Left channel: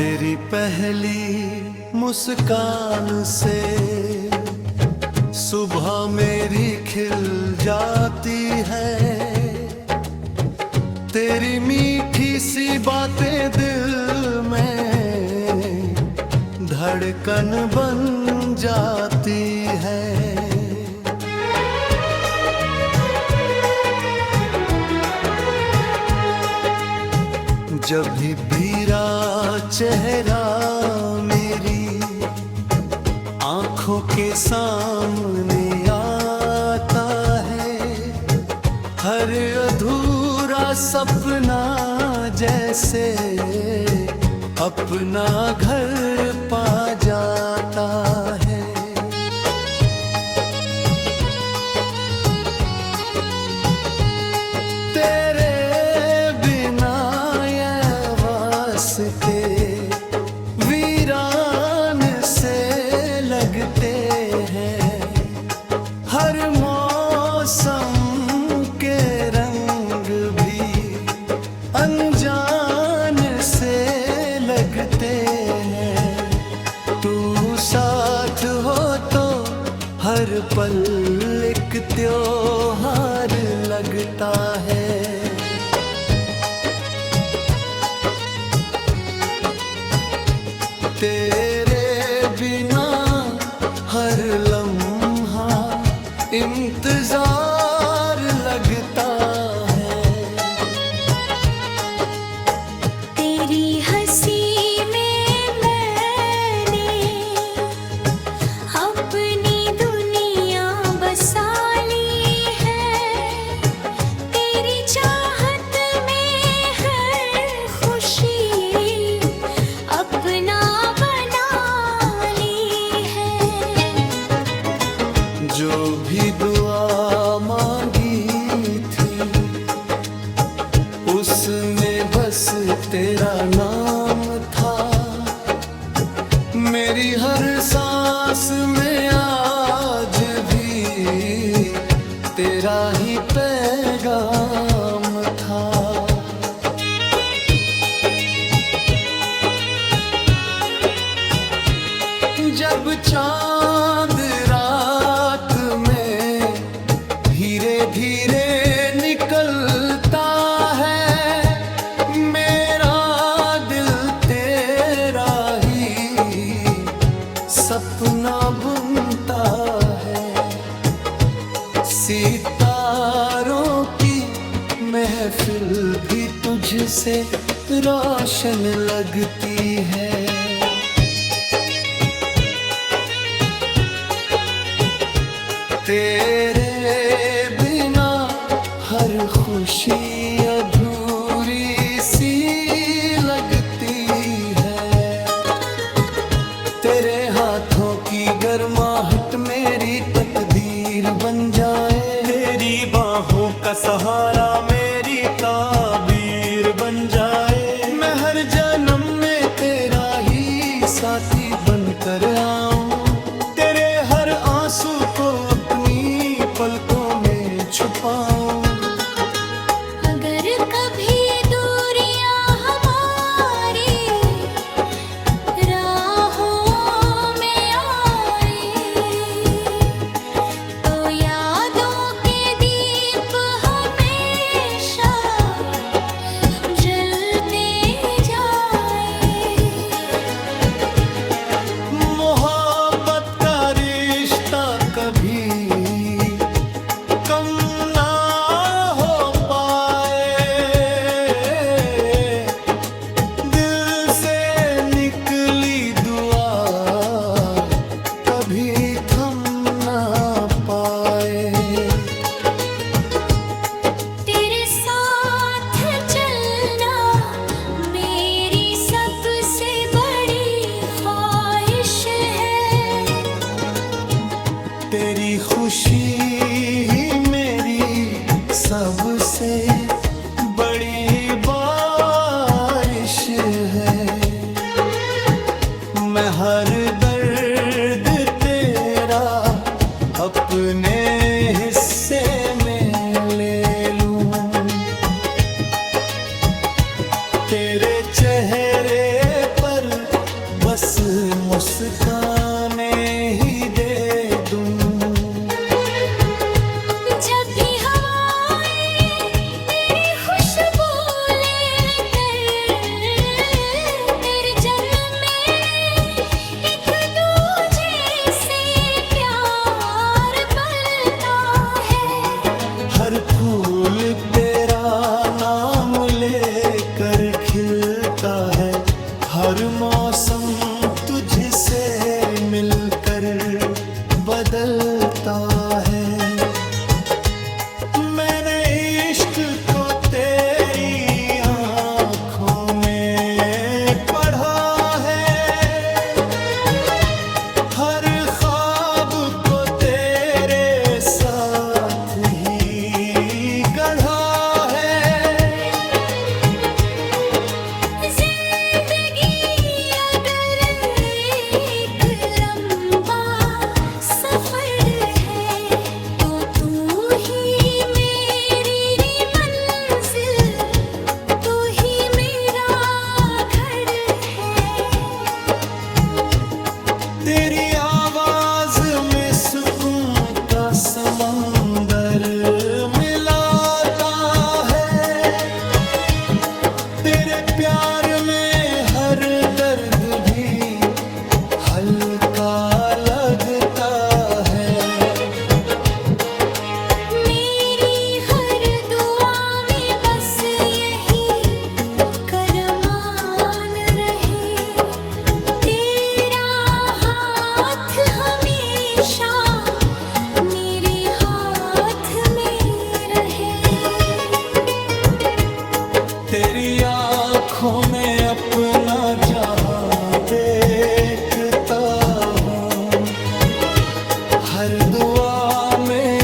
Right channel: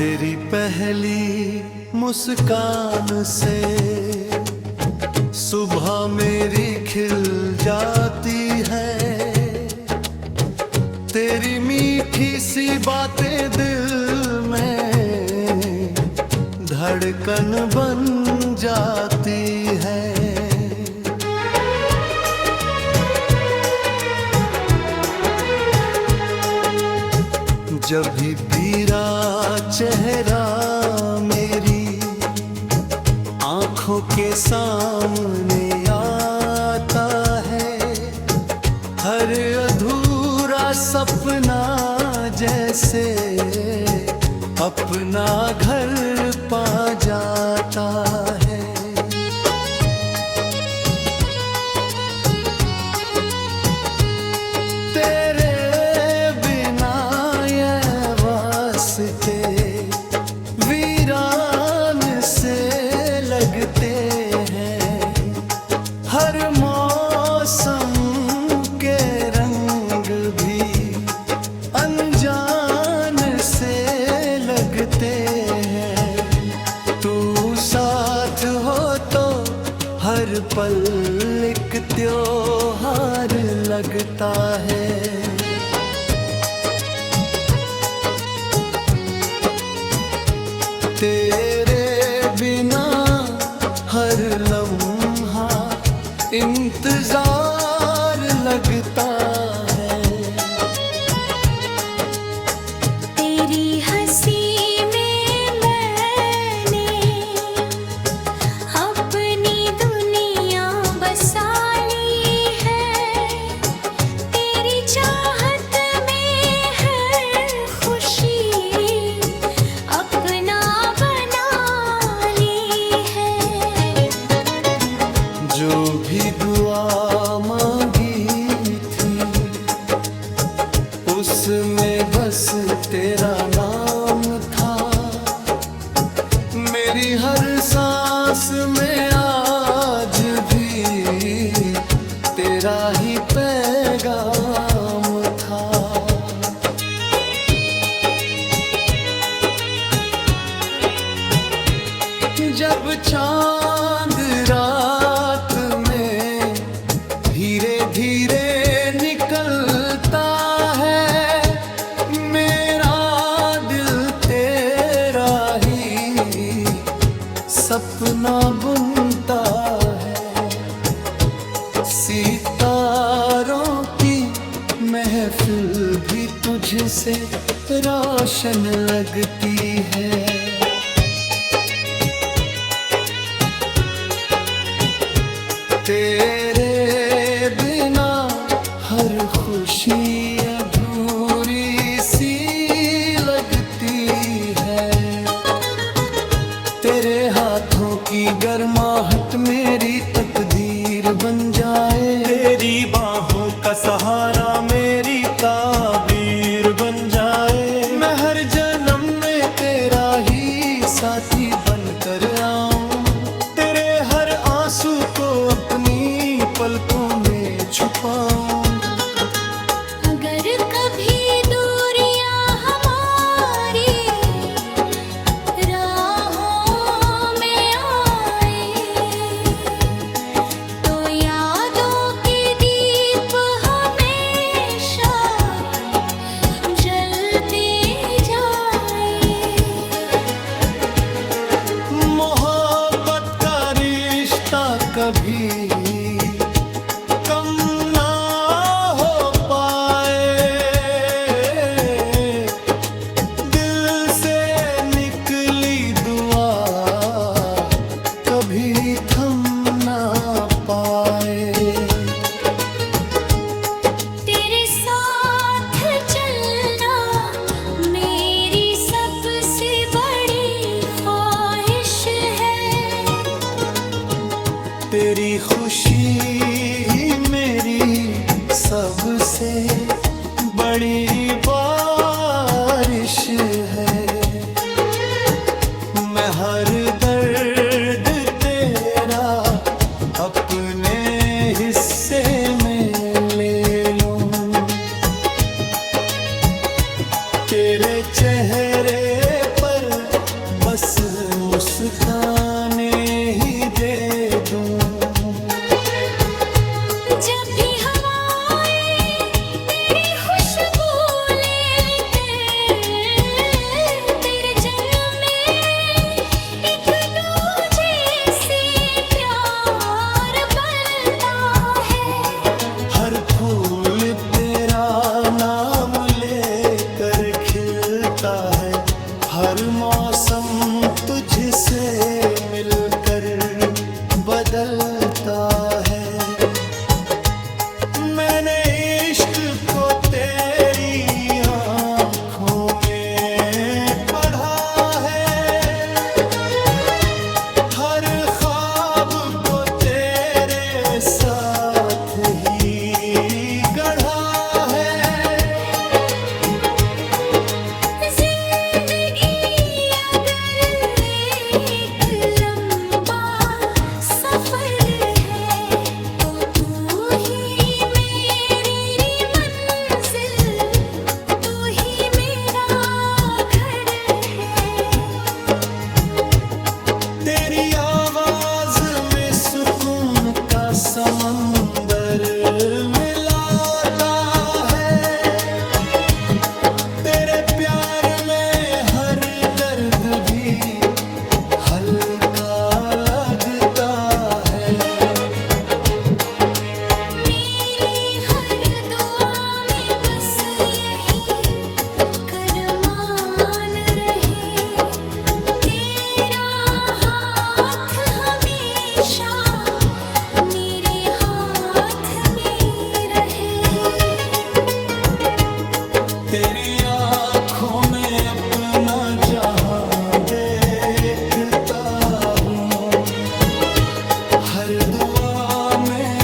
तेरी पहली मुस्कान से सुबह मेरी खिल जाती है। तेरी मीठी सी बातें दिल में धड़कन बन जाती है। जब भी तेरा चेहरा मेरी आंखों के सामने आता है, हर अधूरा सपना जैसे अपना घर पा जाता है। तेरे बिना ये वास्ते वीरान से लगते हैं। हर मौसम के रंग भी अनजान से लगते हैं। तू साथ हो तो हर पल एक त्योहार लगता है। तेरे बिना हर लम्हा इंतजार लगता है। तेरी हंसी में मैंने अपनी दुनिया बसा ली है। तेरी चाहत में हर खुशी अपना बना ली है। जो भी दुआ मांगी थी उसमें बस तेरा नाम था। मेरी हर सांस में आज भी तेरा ही पैगाम था। जब चांद रात में धीरे धीरे निकलता है, मेरा दिल तेरा ही सपना बुनता है। सितारों की महफिल भी तुझसे रोशन लगती है। तेरे बिना हर खुशी अधूरी सी लगती है। तेरे हाथों की गर्माहट मेरी तकदीर बन जाए। तेरी बाहों का सहारा मेरी ताबीर बन जाए। मैं हर जन्म में तेरा ही साथी बनकर आऊं। तेरे हर आंसू को अपनी पलकों में छुपाऊं। अगर कभी दूरियां हमारी राहों में आए, तो यादों के दीप हमेशा जलते जाए। मोहब्बत का रिश्ता कभी कम ना हो पाए। दिल से निकली दुआ कभी थम ना पाए। तेरे साथ चलना मेरी सबसे बड़ी ख्वाहिश है। तेरी खुशी ही मेरी सबसे बड़ी बारिश है। मैं हर दर्द तेरा अपने हिस्से में ले लूं। तेरे चेहरे पर बस मुस्काने ही दे दूं। जब भी हवाएं तेरी खुशबू लेकर तेरे जन्म में एक दूजे से प्यार बढ़ता है। हर फूल तेरा नाम लेकर खिलता है, हर मौसम तुझसे मिलकर बदलता है। मैंने इश्क को तेरी आंखों में पढ़ा है, हर ख्वाब को तेरे साथ ही गढ़ा है। जिंदगी अगर एक लंबा सफर है तो तू ही मेरी मंजिल, तू ही मेरा घर है। तेरी आवाज में सुकून का समंदर मिलाता है, तेरे प्यार में हर दर्द भी हल्का लगता है। मेरी हर दुआ में बस यही करमान रहे, तेरा हाथ हमेशा मेरे हाथ में रहे। तेरी आंखों में अपना जहां देखता हूँ, हर दुआ में